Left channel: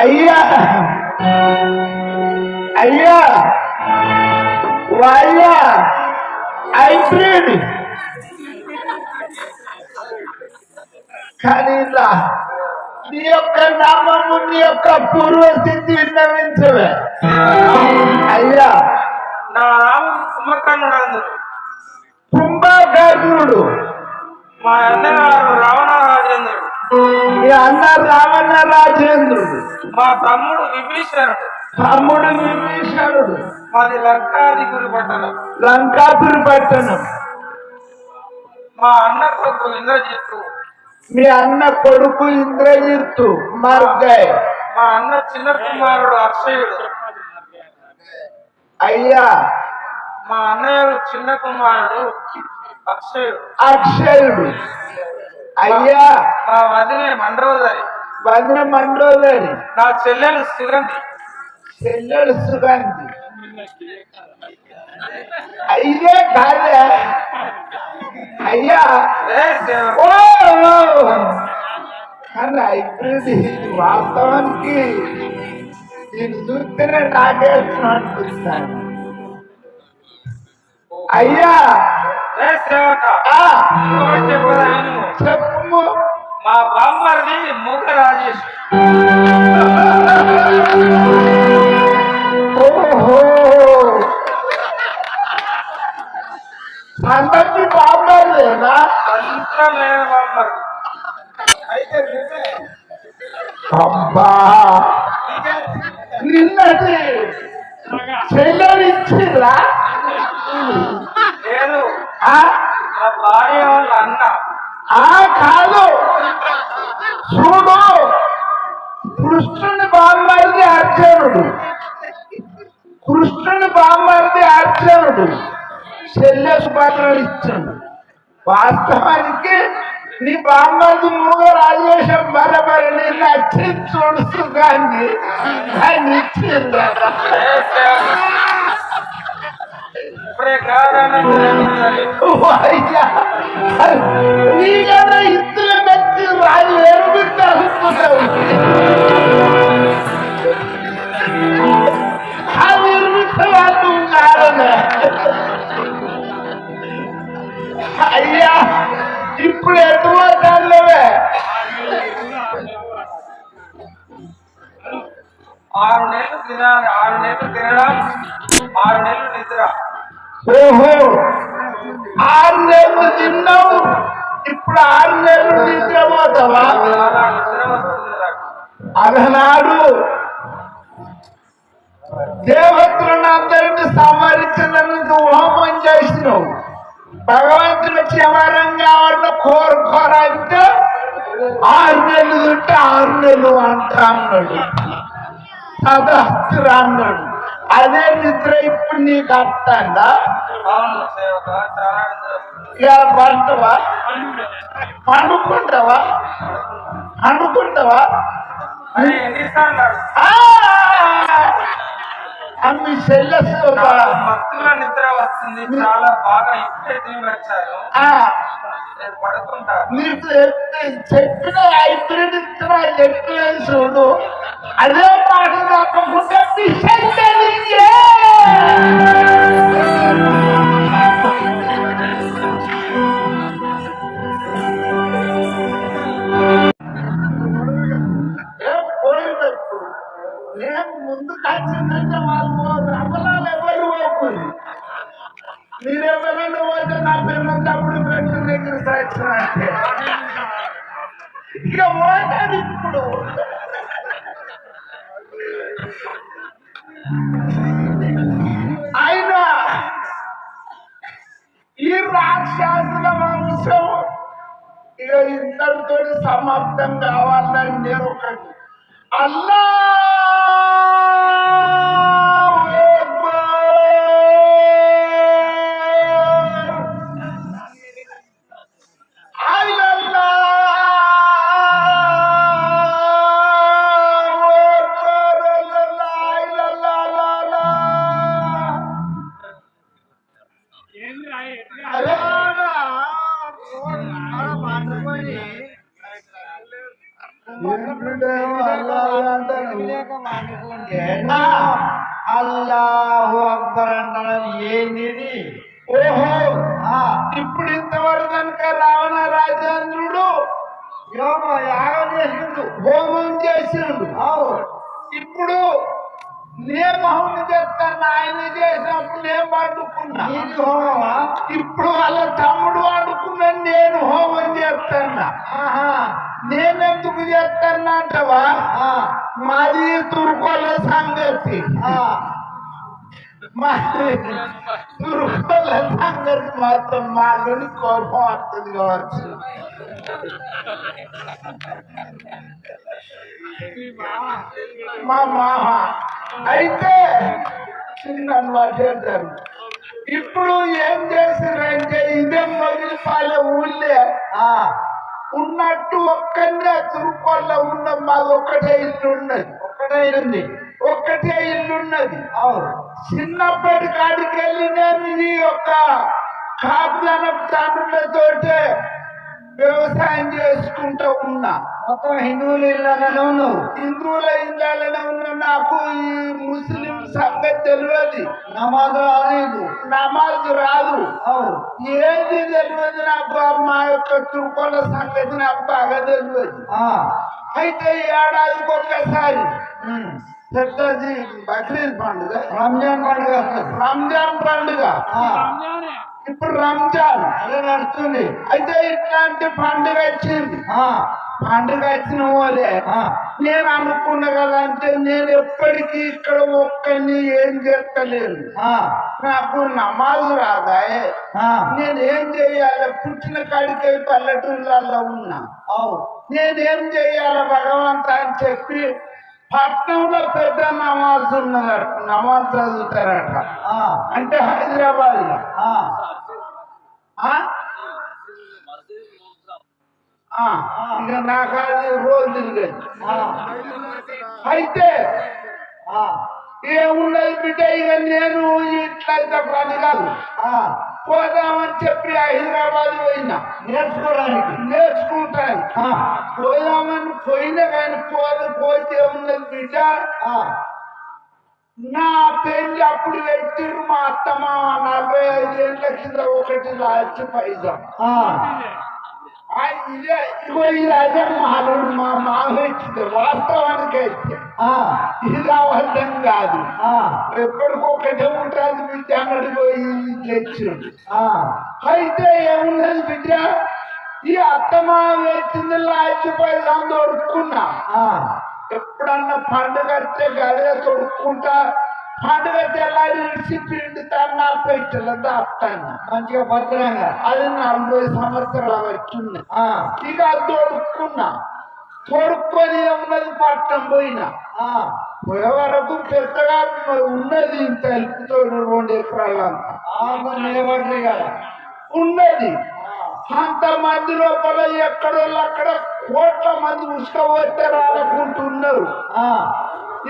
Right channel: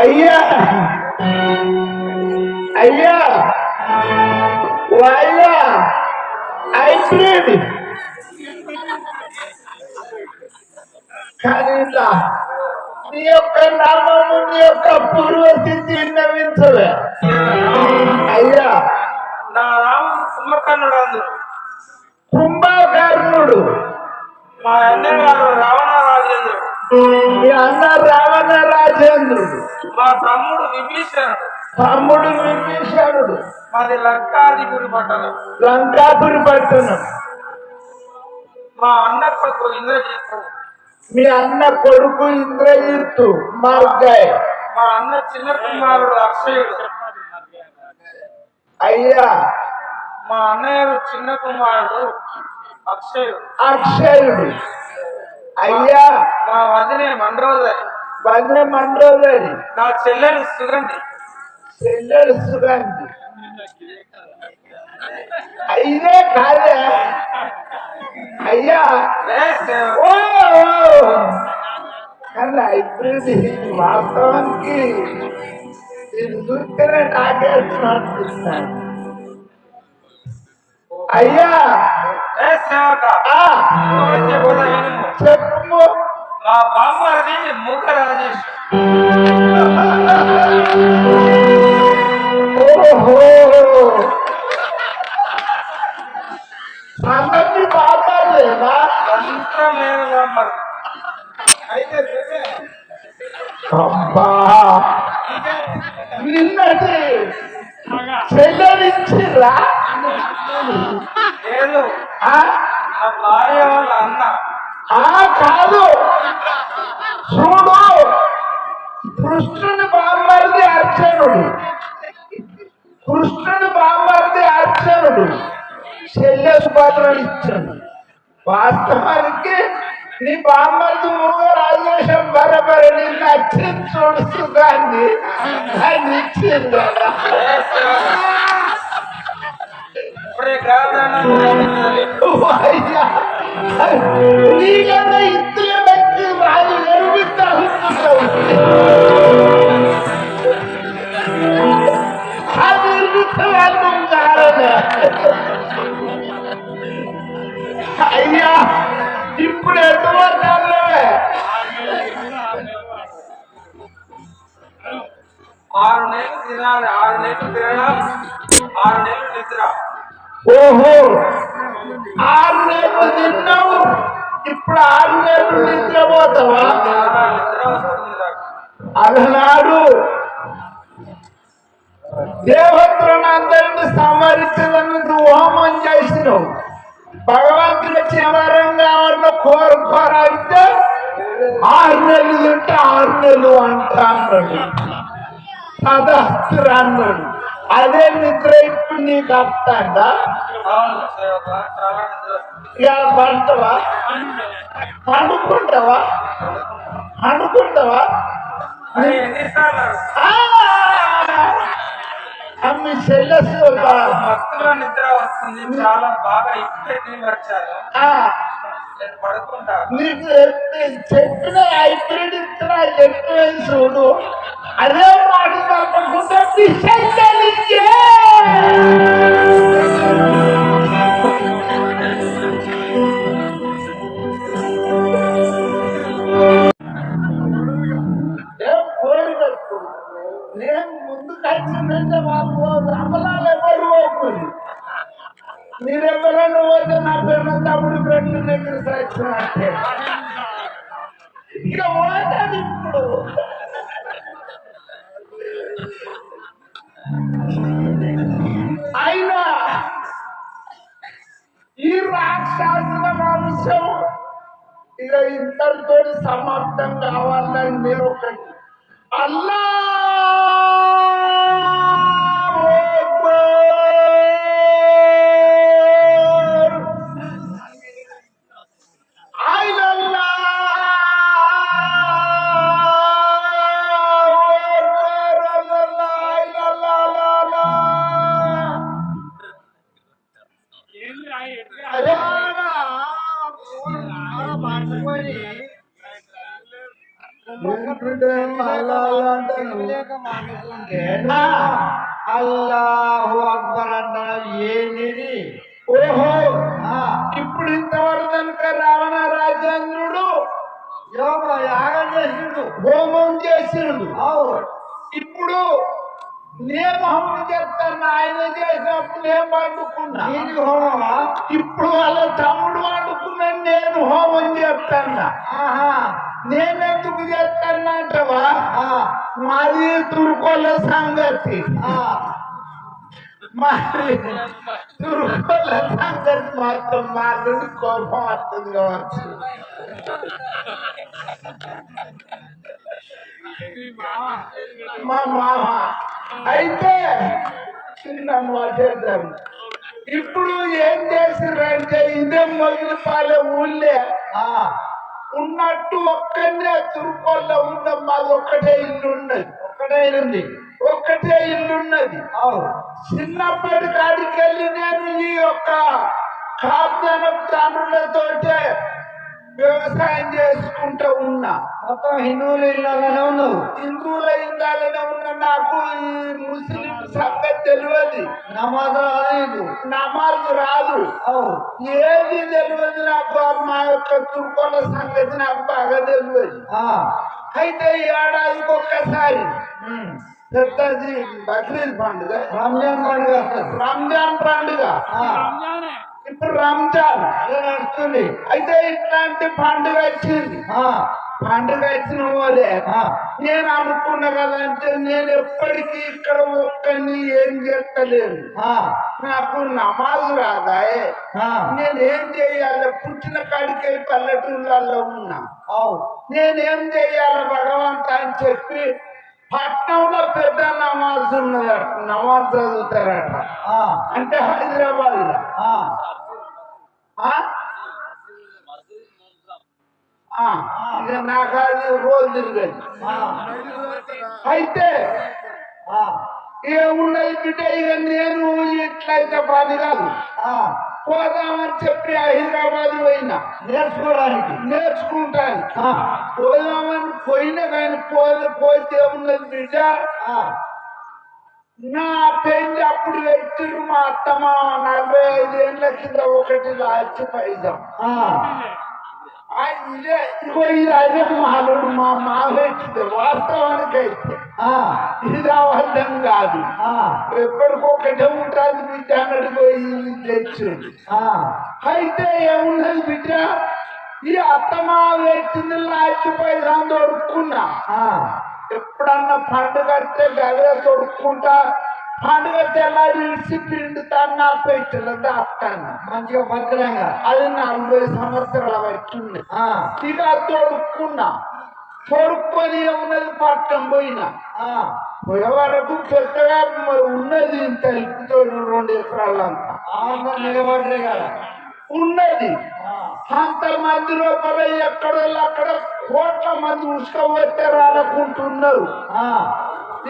అయ్యా అయ్యా వాళ్ళ హైబ్రిడ్ కానీ నీ యొక్క నామము నీ యొక్క పూర్వస్థితి విన్నవించవే అయ్యా. నా రాము కుంభకర్ణుడు కుంభకర్ణుడు మా అన్నగారు రావణ రాజేంద్రుడు. మీ అన్న రావణ రాజేంద్రుడు. మా తమ్ముడు విభీషణుడు. తమ్ముడు విభీషణుడు. మాది లంకాధిపురి పట్టణం. లంకాపురి పట్టణం. మా అన్న కొడుకు ఇంద్రజిత్తు. మీ అన్న కొడుకు ఇంద్రజిత్తు మార్గాయ్. మా అన్న చిన్న కుమారుడు అక్షయుడు. అయ్యా మా అన్నయ్య చిన్న కుమారుడు అక్షయుడు. అక్షయుడు. అయ్యా మా వదినే మండ్రోదరి. వదిన మండ్రోదరి. నా చెల్లెలు సుగంధి. చెల్లెలు సుగంధి. అయ్యే కాదా అయ్యా. ఓ కానీ ఇప్పుడు వాస్తవానికి నేను చూస్తేనే నాకేస్తున్నాను. అయ్యా చెప్పు. మా బామ్మది మూక రాజేష్. ఓహో అందరికీ బామ్మలేనా? అయితే అబ్బా నిన్నటి చెల్లెలిచ్చిరా? లేదు, మా భార్య వాళ్ళ అన్న. కాదు చూడు, కృష్ణుని బామ్మరిది అర్జునుడు. కృష్ణుని బామ్మరిది అర్జునుడు చెల్లెలు పాత్రలు ఇచ్చాడు. వాస్తవానికి నీ బామ్మరిది మూగ రాజేశం బరబరి నిన్ను నచ్చింది చూడు సుఖాన్ని ఆయన ఇచ్చింది. ఇప్పుడే కాదన్నా నీకన్నా ఇద్దరు వ్యక్తి వాళ్ళు ఏడుగుతారు. అయ్యా ఇప్పుడు ఎటు మాట్లాడలేవే? 6 నెలలు తినాలి, 6 నెలలు తినడం, 6 నెలలు నిద్ర. ఓహో 6 నెలలు తిన్నావు, ఇప్పుడు 6 నెలలు నిద్రపోతావా? అలనాడు దేవతలను అందరినీ సంహరించడానికి వచ్చినావు భగవంతుని క్షమారంగా ఉన్న కోరుకోరంటే 6 నెలలు తింటే 6 నెలలు అంటా అన్నాడు తదాస్తురా అన్నాడు అదే నిద్ర ఇప్పుడు నీకు వస్తాడా అవును సేవక చాలా నిద్ర వస్తుంది. ఇక పంటవా పండుకుంటావా అనుకుంటావా అరే ఎన్నిసార్లు అడుగు? అమ్మి చెల్లెసు చాలా మత్తుగా నిద్ర వస్తుంది చాలా బాగా ఇప్పుడే తిని వచ్చారు నేను పడుకుంటా నీకు చెప్పిన హైబ్రిడ్ ఇస్తున్నా చెప్పిన చూడు అదే మాట కాకుండా పిచ్చెక్కనికే. ఏం పోయింది ఇప్పుడు నేను ముందుకు వచ్చిందంటే వాళ్ళు రమలాలు ఎవరు పోకుని మీరెవరైనా పోతే నా పేరు తప్పుడు పెట్టిన దగ్గర సాక్షినట్టే ఇక పోతాది ఇప్పుడు అయినా ఈ రాక్షసుల వంశం ఇక ఇద్దరితో సమాప్తం కావాలని నేను ఒకటి అల్లా అల్లాహు అక్బర్ అంటారు ఏంది ఓహో ఇప్పుడు ఇంతవరకు కనుక రావణ రాజేంద్రుడు యాగం చేసిండు హోమం చేసిండు అవు ఇప్పుడు నేను హోమం చేస్తాను ఆయన చేసినప్పుడు నేను వండుకున్నా నీది హోమమా ఇప్పుడు వాళ్ళ తమ్ముడు వండుకున్నాను నేను హోమం చేస్తాను ఆహా నేనెందుకు చేస్తాను అంటవా మాది తురుకోళ్ళ సంగతి మాది తురుకోళ్ళ సంగతి మాత్రం మా నుండి కోపం వస్తుంది కావచ్చు మా మామ అయితే చిన్న మాట్లాడతాను ఇప్పుడు ఏం చేసిరంటే ఇదే మొగిలిపాలెం ఊళ్ళే ఉన్నట్టు ఒక్కనే తురుకోళ్ళ ఉన్న మాది ఒక్కటే ఇల్లు ఉన్నది ఒక్కటే ఇల్లున్నది చిన్నప్పటి కాడికి వెళ్ళి నేను ఈ యొక్క కాపుదన తండ్రులతోటే వ్యవసాయం చేసుకుంటూ ఉన్నా మొత్తం హిందువులు ఇళ్ళలోనే ఉన్నావు హిందువుల ఇళ్ళలోనే ఉన్న నాకు ఈ ముస్లిం సంగతి తెలియదు నమాజ్ రాదు నమాజ్ రాదు అవు ఏది తెలియదు నాకు మా యొక్క తుర్కోల సంగతి నాకు బాగా తెలియదు అయితే ఈ ఏడాదికి ఒక్కసారి పెద్దది బక్రీద్ పండుగ రంజాన్ పండుగ రంజాన్ పండుగ ఇప్పుడు రంజాన్ అదే నడుస్తుంది అయితే ఇట్లాంటి పండుగ వచ్చింది పండుగ వచ్చిన వాళ్ళే నేను అనుకున్నా కదా అంటే నేను ఎప్పటికీ ఇక్కడ ఒక్కడిని ఏం చేస్తలేను నాకు నమాజు రాదా నేనేం చేయాలి పుట్టిన కాడికి పల్లెటూళ్ళల్లో ఉన్నా నేనేం చేయాలి భగవంత అని చెప్పి పట్నంలో పెద్ద నమాజ్ ఉన్నదట నమాజ్ చదువుతారట అంటే హైదరాబాద్ లో ఇక నాకు అది రోజు తిరిగేది అయితే ఇక ఉన్నది బిడ్డ ఇక నేను ఇట్లయితే పని కాదు పోదామని చెప్పి హైదరాబాద్ పోయినా నేర్చుకుంటాను పోదామని పోయినా కానీ పోతే ఉన్నది బిడ్డ నా పెళ్లి అప్పుడు పెట్టిరు మా అత్తమ్మ 45 ఏళ్ళ కింద ఒకటి లాస్ట్ పైసా ఇదే ఇగో ఇది అదే మాలుడు మా మామ ఇచ్చింది వాస్తవానికి అయితే ఇది అబద్ధం కాదు ఎప్పటికొకటే ఉంటుంది బిడ్డ అన్నట్టు పోయి తెచ్చింది అయితే ఏమున్నది బిడ్డ ఈ అత్తమ్మ వచ్చింది లాస్ట్ పైసా దొరుకున్నా ఎప్పుడన్నా పండుగ వస్తే గదే తొడుక్కుంటా పండుగ తెల్లారి విడిచి పిండుతాను 40 దాస్తాను మంచిగా భద్రంగా అది 40 సంవత్సరాలు వచ్చింది ఇక తొడుక్కున్నా తొడుక్కొని ఉన్నది పట్టం పోయినా పోయే వరకు పెద్దగా ఉన్నది ఇంత తలుపుతోడు 2 ఎకరాలంతా నిలబడి కదా ఉన్నది అంతమంది లోపల ఎక్కడోళ్ళు అక్కడ కోట్ల మంది ఉసుకపోతారు అనుకుంటున్నారు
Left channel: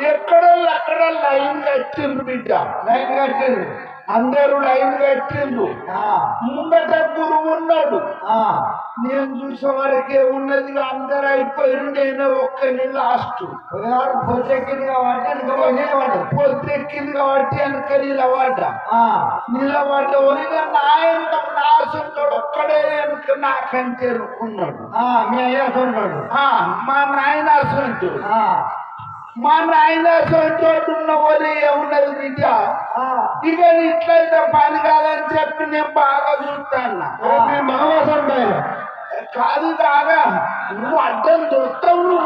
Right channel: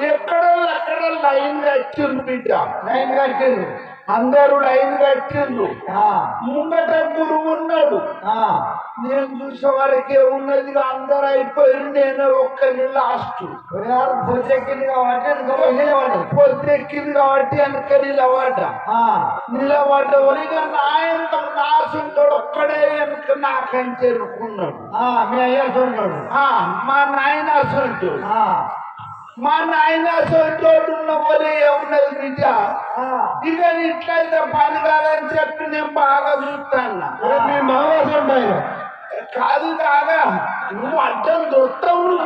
ఎక్కడోళ్ళు అక్కడ లైన్ కట్టిండ్రు బిడ్డ లైన్ కట్టింది అందరూ లైన్ కట్టిండ్రు ముంగట గురువు ఉన్నాడు నేను చూసే వరకే ఉన్నది అందరూ అయిపోయింది నేను ఒక్కరి లాస్ట్ పొద్దెక్కింది కాబట్టి పొద్దెక్కింది కాబట్టి వెనక నిలబడ్డ నాశంతో ఒక్కడే వెనుక నాకంటే ఎన్నుకున్నాడు మీ అయ్యాడు మా నాయన అసలు మా నాయన తోడు ఉన్న వాళ్ళు ఏమున్నది బిడ్డ ఇక ఇట్లయితే పని కాదని చెప్పి నేను బాగా చూస్తాను కాదు కాగా నువ్వు అడ్డం దొస్తావు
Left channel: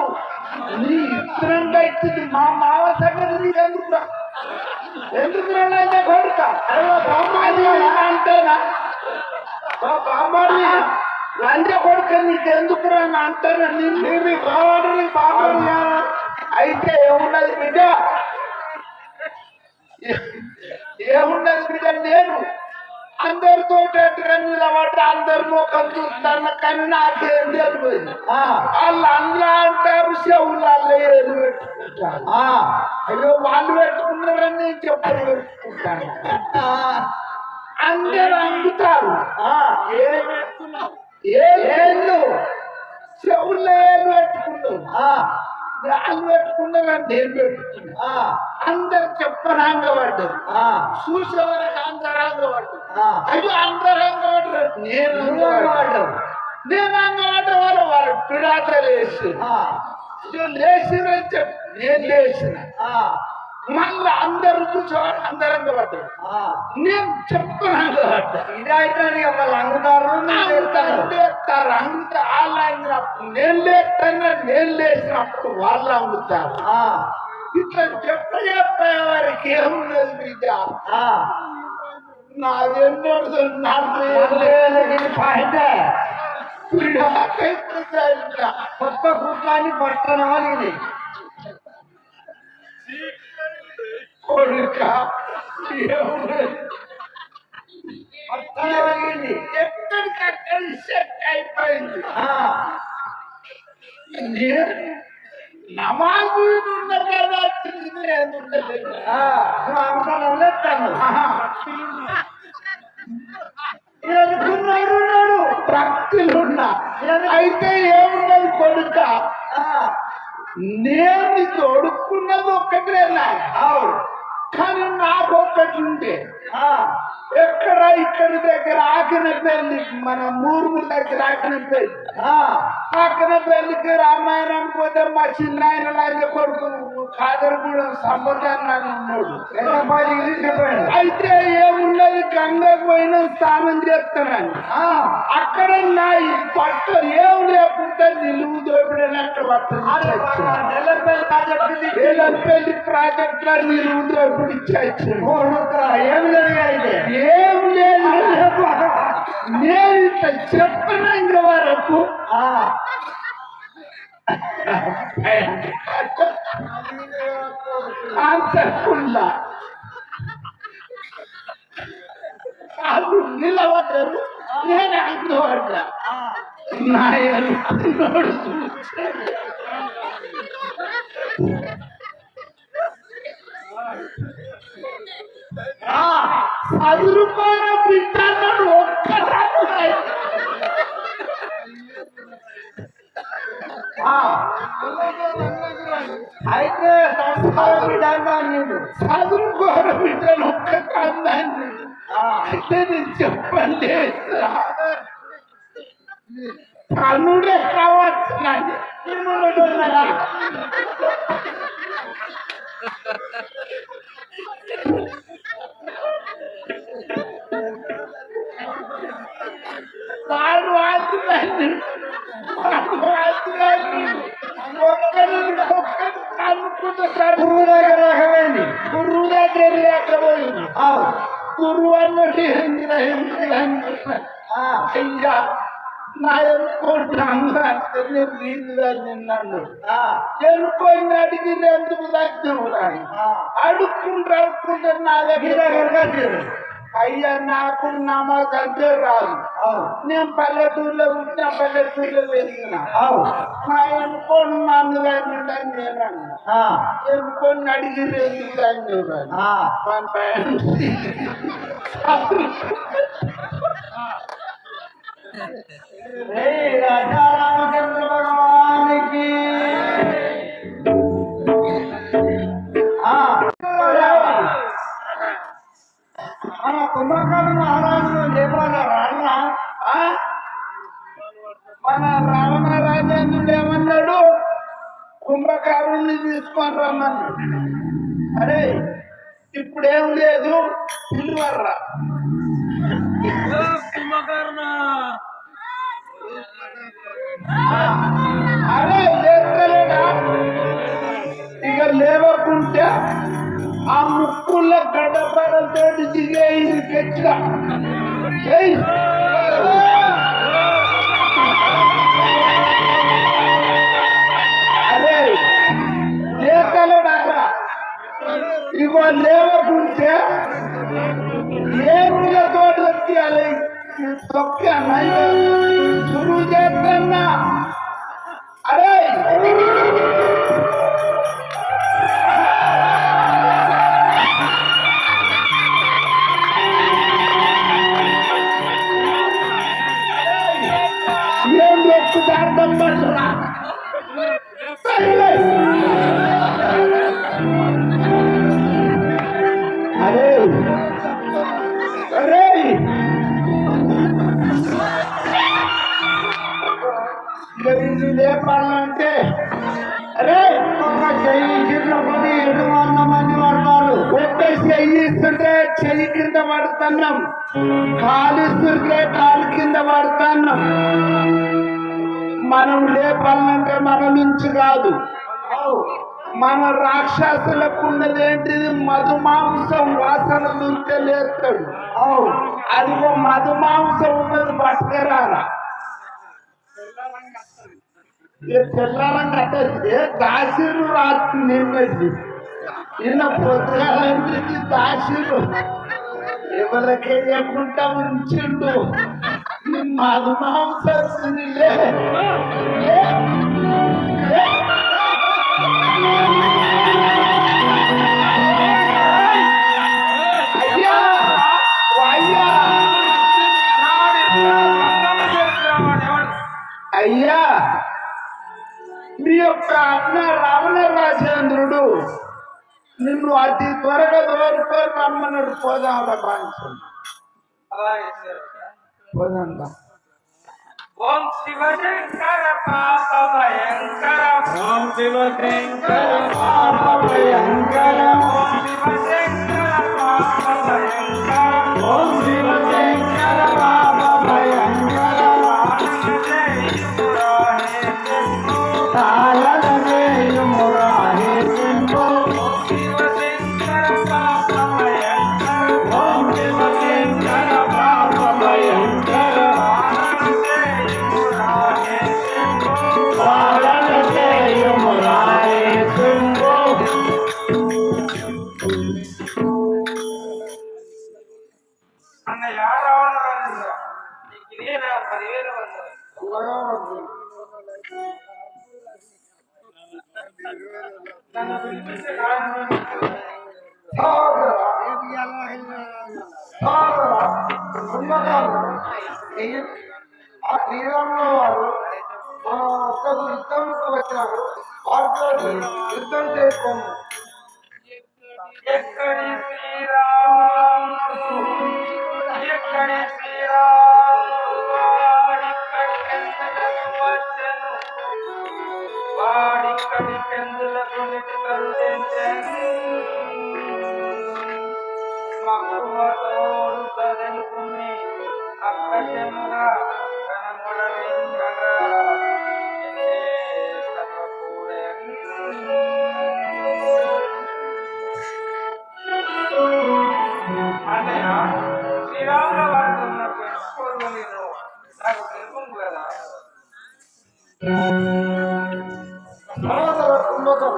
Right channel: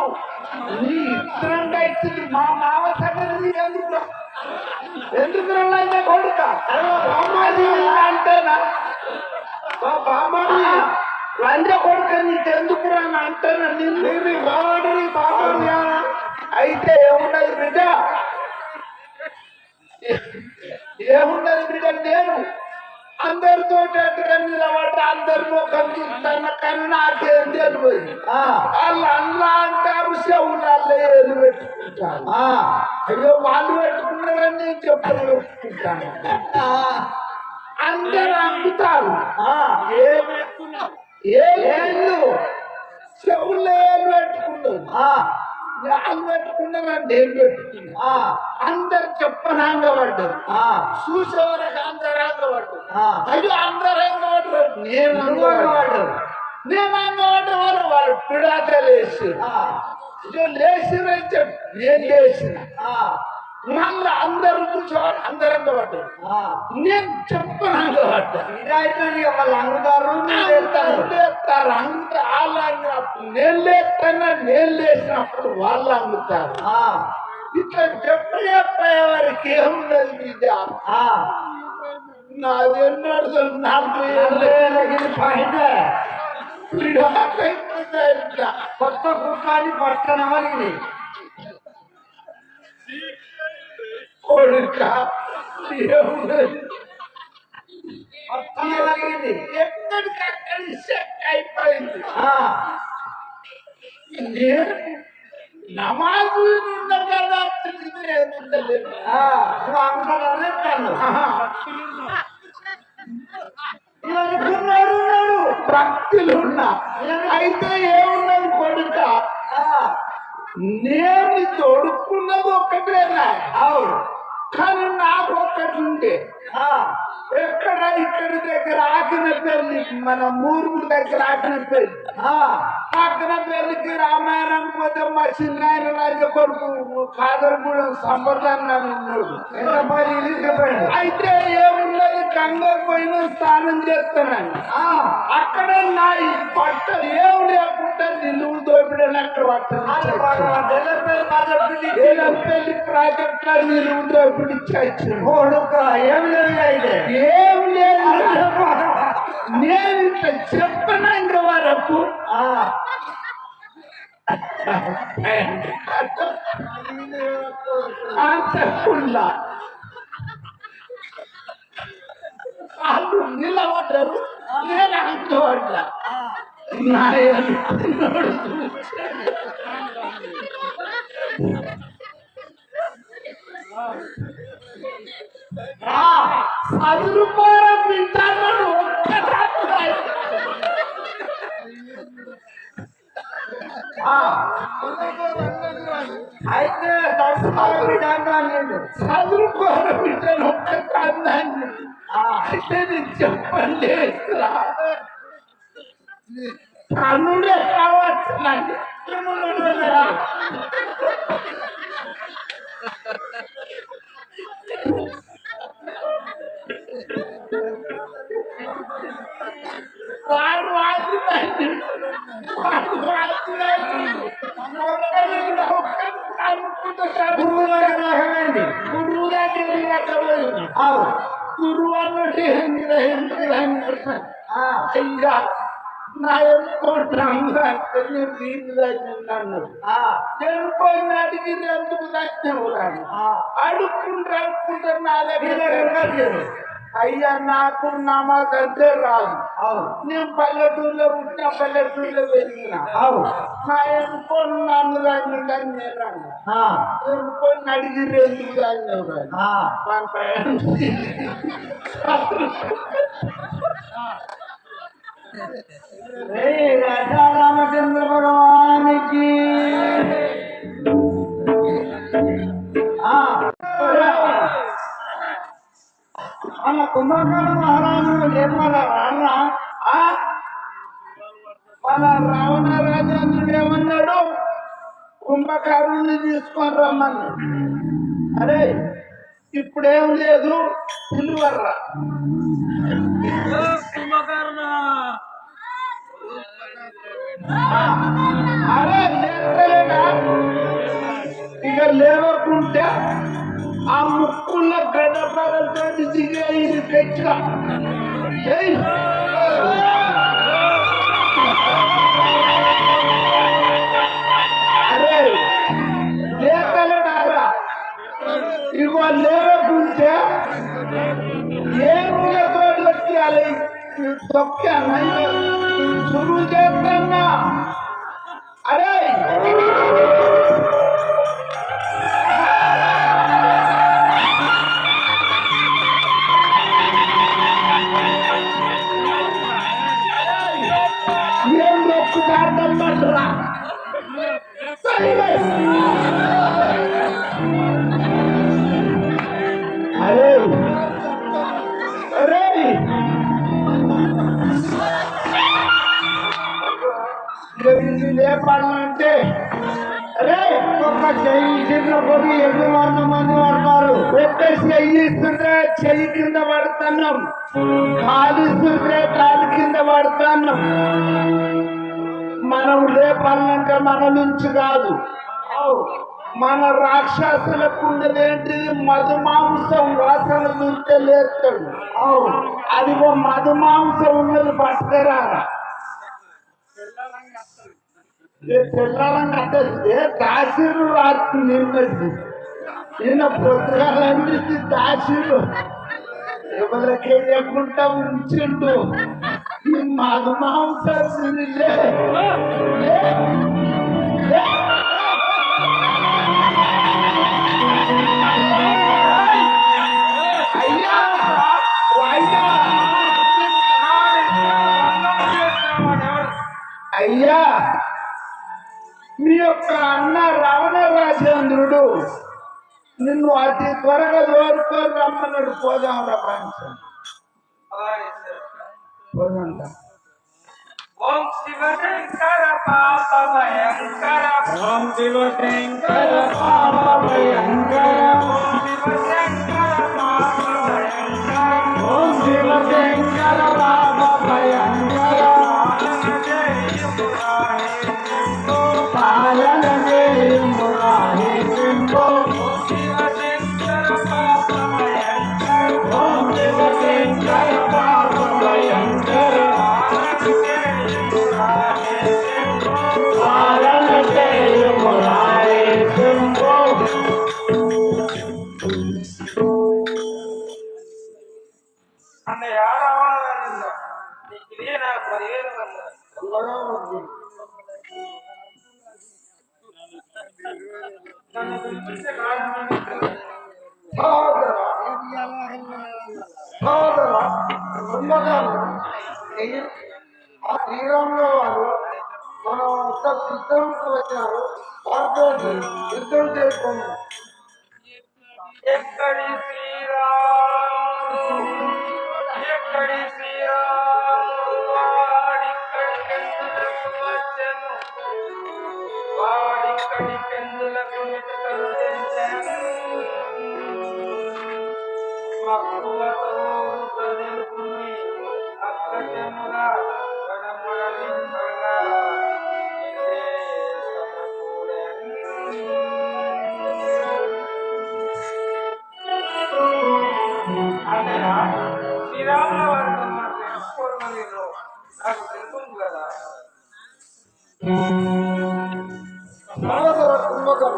నీ ఇద్దరం కట్టింది మా మావ సంగతి నీకెందుకు ఎందుకు రైతే కొడుక అంటేనా బాబాని లంచ కొడుక నీకెందుకు అని అంటారా నిన్ను బాబాని అయితే ఏమున్నది బిడ్డ ఏమున్నది బిడ్డ నేను అందరితో నిలబడ్డ అందరి ముఖం చూస్తాను కానీ నాకేం తెలియదు వాళ్ళు అల్లా అంటారు చెవులలో ఏలు పెట్టుకుంటారు అయ్యో వాళ్ళు పెట్టుకున్నారని నేను చెప్పలు పెట్టుకుంటాను అందరు అమ్ముతారు ఏళ్ళు చెవుల్లో ఏలు పెట్టుకున్నారు వాళ్ళు పెట్టుకున్నారని నేను పెట్టుకున్నా అందరు చెప్పనాంగ పడ్డారు చూసేవరకు అంతరంగ పడ్డారు అయ్యో అంతరంగ పడ్డారు నేను అంగపడ్డారు వాళ్ళు పిడాట లేచి లేచిరని చెప్పి నేను లేచిన మళ్ళీ అందరు చూసేవారు అందరంగ పడ్డారు నేను చెప్పనాంగ పడ్డా ఇదైతే వాళ్ళు అంగుతారు నేను లేచినప్పుడు వాళ్ళు అమ్ముతారు ఇట్లా చెప్పే వారికి ఏమున్నది బిడ్డ నాదెన్నడు కొత్త కుట్లాన్ని పట్టణమని కొడుక ఏమున్నది పట్టణమలిగింది ఎక్కడికక్కడ సెట్ అయిపోయింది నమాజు ఉన్న కదా భక్తులున్నా అయితే ఏమున్నది కొడుక నేను తోడుకున్నది ఒక్కటేనా కానీ నాకు ఒక్కటి ఉంటే ఎక్కడ ఇక్కడి దగ్గర ఆకిన పెళ్లి మన మూరుగుల దగ్గర ఆకిన పెళ్లి ఆకిన పెళ్లికి రామాయణం పోతే మా చిన్నాయన లాంటి కొడుకు కాదరగూడెం సంబర్ధంగా ఉన్నాడు అయితే ఏమున్నది గంగా పోయిన స్నానం చేస్తున్నాను అక్కడ నా ఈ పట్ట ఏం లేకుండా నిలువు దోపిడని అక్కడ పెళ్లి ప్రాజెక్ట్ లో నిలువు దోపిడి ఏం లేదు నేను ఇట్లా చెప్పనంగ వరకు అంతకుల్లా వాళ్ళు నిలబడ్డారు నేను అంటున్నా నా ₹10 తింటాను అయితే ₹10 ఒక్క కాందాన్ని అయితే నేను చెప్పండి కనుడే కావచ్చు వాడు వాడుతున్నాడు గురువు దగ్గర గురువు అన్నట్టు అయ్యా నా ఎన్నుకోండి నన్ను ఎన్నుకొని అడిగింది ఎందుకు దర్శనం అడుక్కుంటూ అడుక్కుంటే నా దగ్గర అయ్యా నాకు నమ్మ దగ్గర రాదు నేను పల్లెటూరులో పుట్టిన పల్లెటూరులో వెళ్ళిన నా ఎన్నుకొని నన్ను కానీ నేను అన్నా ఎన్నుకొని అడిగి ఎందుకు రామచంద్ర భగవానికి మన కుంభకర్ణ మహారాజు లేపాలన్నా మన రావణరాజు ఏమన్నాడు కుంభకారుణ్ణి తీసుకొని రమ్మన్నాడు అరే ఇప్పుడేం లేదు పిలువర్రా అరే లేపలేడా ఇక లేవకుంటే ఆ ముక్కుల గడపడతో దిగే ఇది పెంచా అరే లేపలేడా ఇగో లేవకుంటే ఏరులతో తొక్కాలి తొక్కాను సురువు చేస్తున్నా అరే నేను చెప్తార్థం పడుతున్నా అరే అరే లేపాలంటే అరే ఒక చెయ్యి చిన్నప్పుడు ఎదురున్న మంది పడతారు ఒక్క చెయ్యి ఇస్తుంటే చెయ్యి కింద పడుతున్నాం కాలిస్తుంటే కాలు కింద పడుతున్నాం మనం లేపాలంటే మన నుంచి కాదు మన రాక్షసులకు ఉన్నదేంటి మధుమాంసం వాసన దొరికితే లేస్తాడు అదిగో మధుమాంసం ఉన్నది పట్టుకురాలా తెల్లారంగా దాసీలు రాత్రి నిన్నది నిన్న పొద్దుగాలంటే దాసీలు ఎవరికే లేకుండా ఉంచిండు మధుమాంసం అయ్యా అయ్యా అయ్యా మీ యొక్క అన్న రావణ రాజేంద్రుడు నిన్ను అతి త్వరగా దోరుకొని రమ్మన్నాడు పోదాం ప్రపంచం పోదంతా ఓం శివశంకర పాప భయంకర ఓం శివశంకర పాప భయంకర ఓం శివశంకర పాప భయంకర ఓం శివశంకర పాప భయంకర పాలన చేయుమురాహే శంభో శివశంకర పాప భయంకర ఓం శివశంకర పాప భయంకర పాలన చేయుమురాహే శంభో అన్నయ్య రావణరాజు నీకు ఇదే నా 10,000 వందలు నన్ను పిలిపించే కారణం ఆ శ్రీరాముల వారు మన వద్దకు యుద్ధంకు వచ్చారు వారితో యుద్ధం చేసుకోండి ఎక్కడి శ్రీరాముడు ఎక్కడి శ్రీరాముడు వాడిక్కడి పెందులకు వచ్చెను వాడిక్కడి పెందులకు మెతుకలు తెంచెను మక్కువతో తెలుపుని అప్రజముగా కనపడవింకగా సమకూడెను అన్నయ్య సనాతన కుంభకం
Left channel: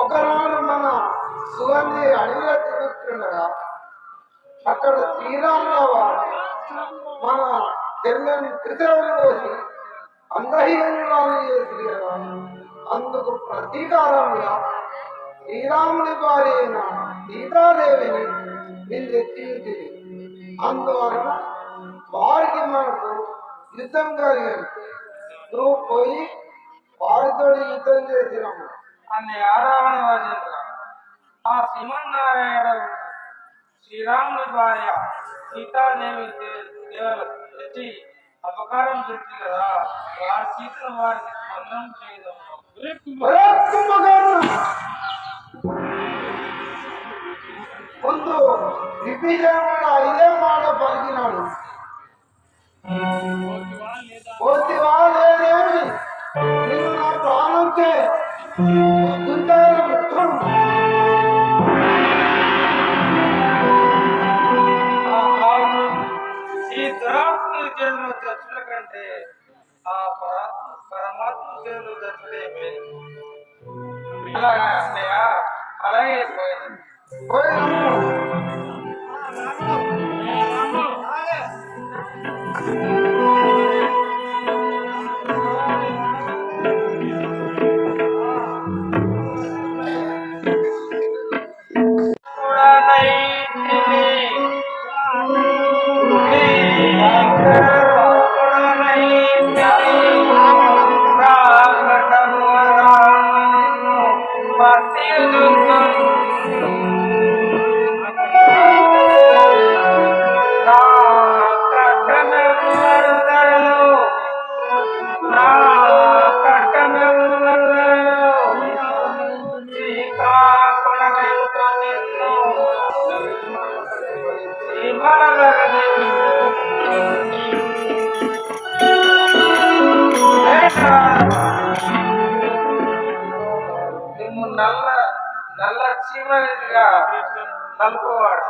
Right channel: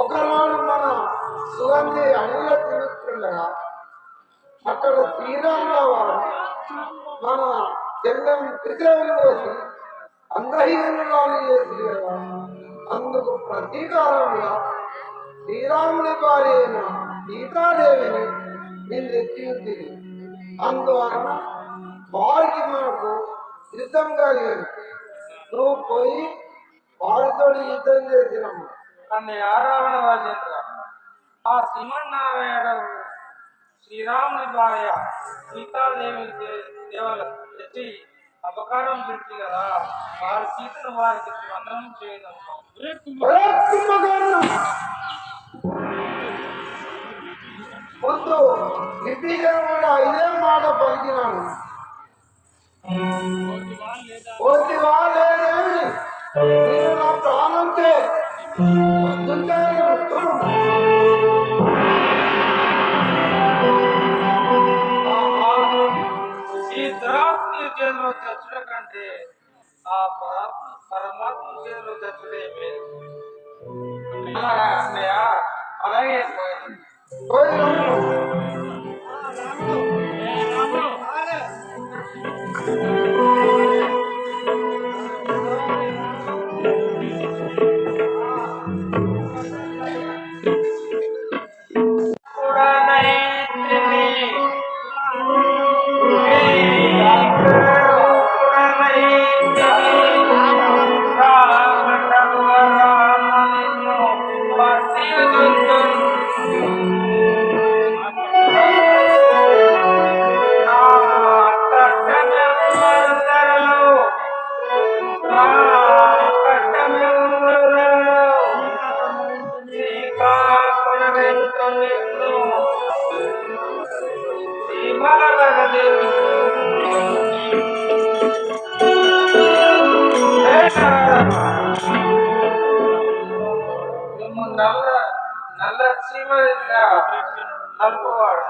ఒకరోజు మన సుగంధి అడవిలో తిరుగుతుండగా అక్కడ శ్రీరామరావు మన తెల్లని త్రిశూలం వచ్చి అందహీనాలు చేసి కదా అందుకు ప్రతీకారంగా శ్రీరాముని భార్య అయిన సీతాదేవిని నేను తెచ్చి ఉంటుంది. అందువలన వారికి మనకు యుద్ధం కలిగదు. నువ్వు పోయి వారితో యుద్ధం చేసినాము అన్ని ఆరావణ రాజేంద్ర ఆ సింహనారాయణ శ్రీరాముని భార్య సీతాదేవి దేవత తెచ్చి అపకారం చేసి కదా వారి సీతను వారికి మంత్రం చేయడం ముందు విభీషణుడు ఇదే మాట పలికినాడు. పోతివా లేదేమి నిన్ను నా ప్రాణంతే ఈ దురాత్మ జన్మ చచ్చుల కంటే ఆ పరమాత్మ జన్మ చచ్చుడే మేలు. అన్నయ్య అలాగే నల్ల చీమగా నలుపువాడు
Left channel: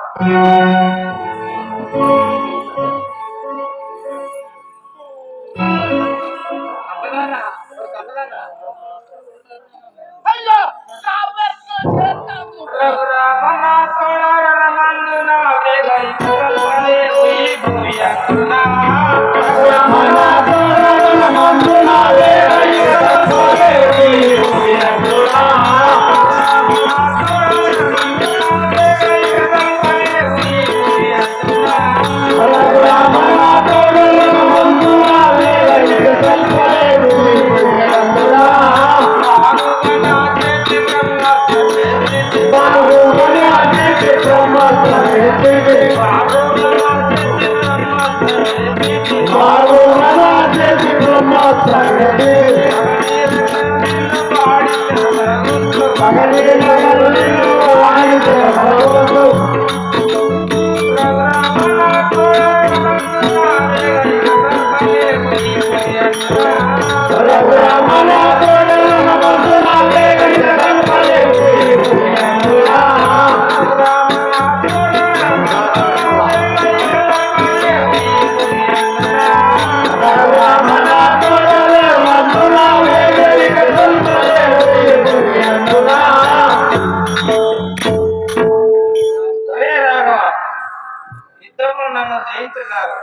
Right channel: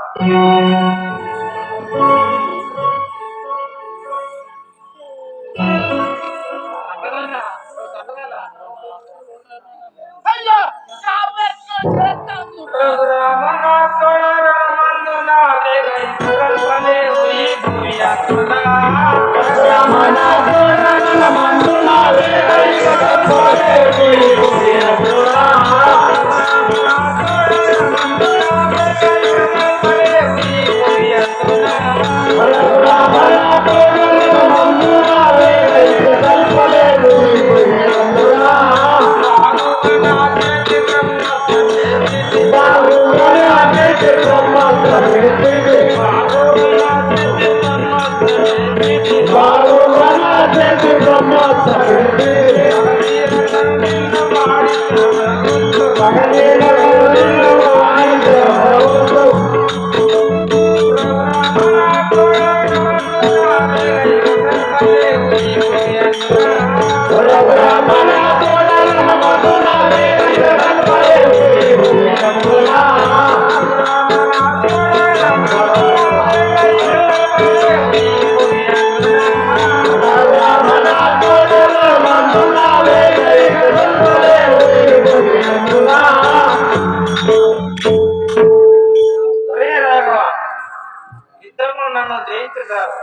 యుద్ధంలో నన్ను జయించగలరు.